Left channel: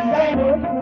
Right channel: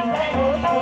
Thank you.